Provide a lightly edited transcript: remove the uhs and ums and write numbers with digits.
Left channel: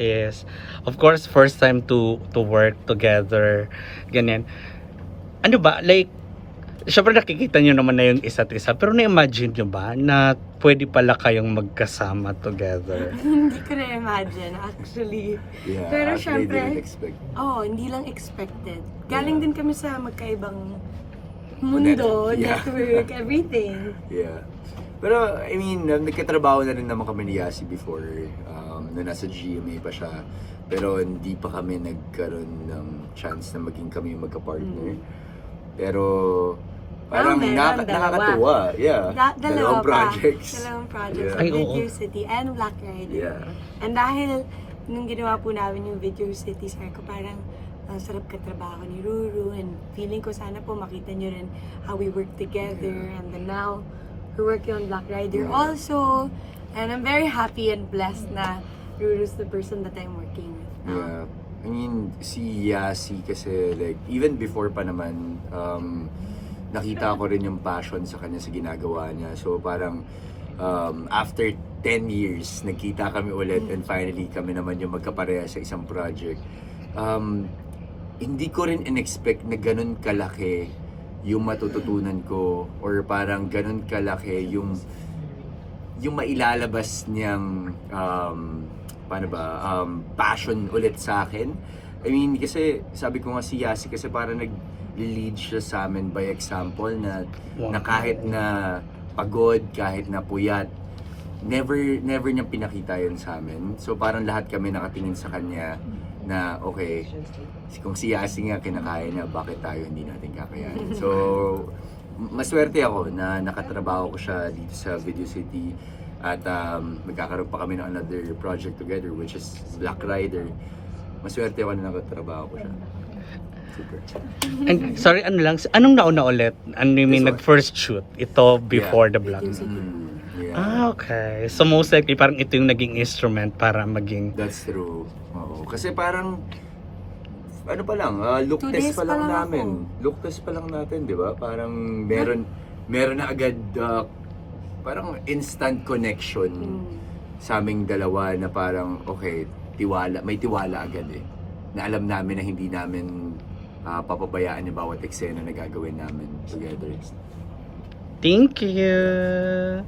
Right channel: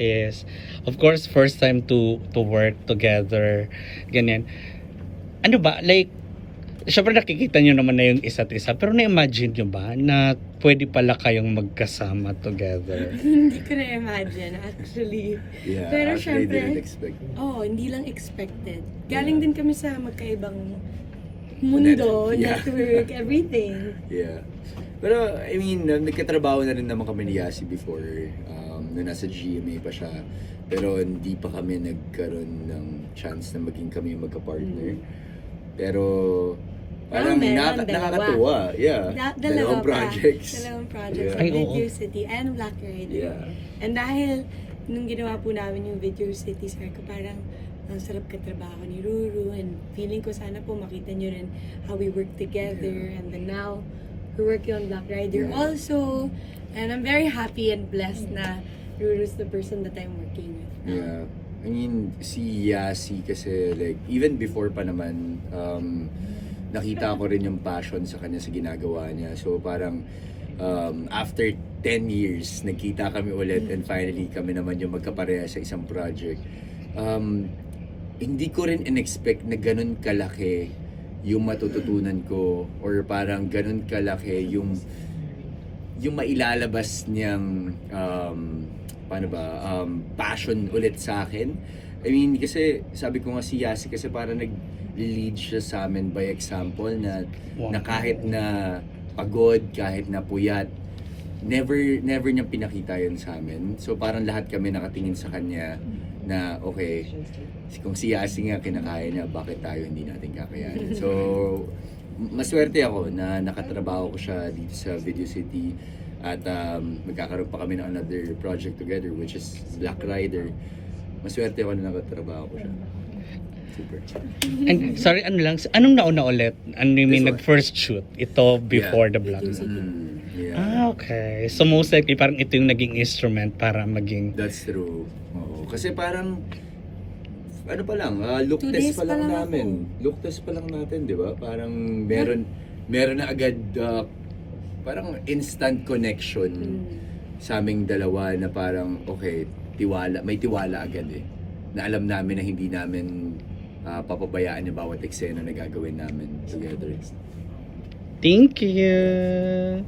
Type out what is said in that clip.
is, of course, first time to work together, ganyan. Ano ba, like, syempre nakikita nyo naman na yung isa't isa, pero na-imagine nyo ba na pwede pala kayong magkasama together? Hindi ko na-imagine, actually. Yeah, Pero actually, syempre, didn't expect. hindi lang expected. Galing din kami sa magkaibang mundo, Yeah. network, everything. Yeah. Pero, I mean, nagkatrabaho na rin naman kami ni Yasi before, na nasa GMA pa siya. Pero hindi pa kami nagkaroon ng chance na maging kami magka-partner. Pero, parang meron, nakakatuwa. Yeah. Dalawang projects. Dalawang projects. Yeah. Ay, Video oo. City and Black Rider. Yeah. And dahil, nung ginawa po namin yung Video City, sabi ko parang, ang sarap katrabaho ni Ruru, and feeling ko sana po makita nyo rin how we work together. And then now, we're working on Black Rider also. And I'm very happy and blessed na Ruru's the person that I'm working with. Yeah. I mean, si Yasi kasi like, even before pa naman, nakita ko rin yung passion sa kanya sa ginagawa niya. So parang, after 10 years, nagkita kami ulit and finally kami naman yung magkapareha sa isang project. Hindi ko rin in-expect na ganun kalaki yung matututunan ko or parang ganun kalaki yung mailalabas niyang passion ulit sa akin. I mean, kasi sabi ko nga si Yasi kasi parang nag-lead siya sa amin by example na kahit na pagod, kahit na puyat, never niyang pinakita yun sa amin. So parang lahat kami nakatingin sa kanya na okay, kung si Yasi nga kinakaya niya, bakit tayo hindi natin kakayanin? So, maswerte ako na nakatrabaho ko siya dito sa Video City at magkakaroon pa kami ng another project together which is Black Rider. Maswerte ako na nakatrabaho ko siya. Super. And, sorry, anong nauna ulit? Ano yung This one. nag-first shoot? Ito before Yeah. the Black? Yeah. Okay. So most likely parang ito yung naging instrument para maging... That's true. Oo. Kasi parang ano pa lang, look 2 test days pa pa lang lang namin. Look test pa lang natin, 'di ba? Parang meron na agad parang instant connection sa aming dalawa na parang okay, may tiwala agad eh. Na alam namin na hindi namin papabayaan yung bawat eksena na gagawin namin together. Thank you!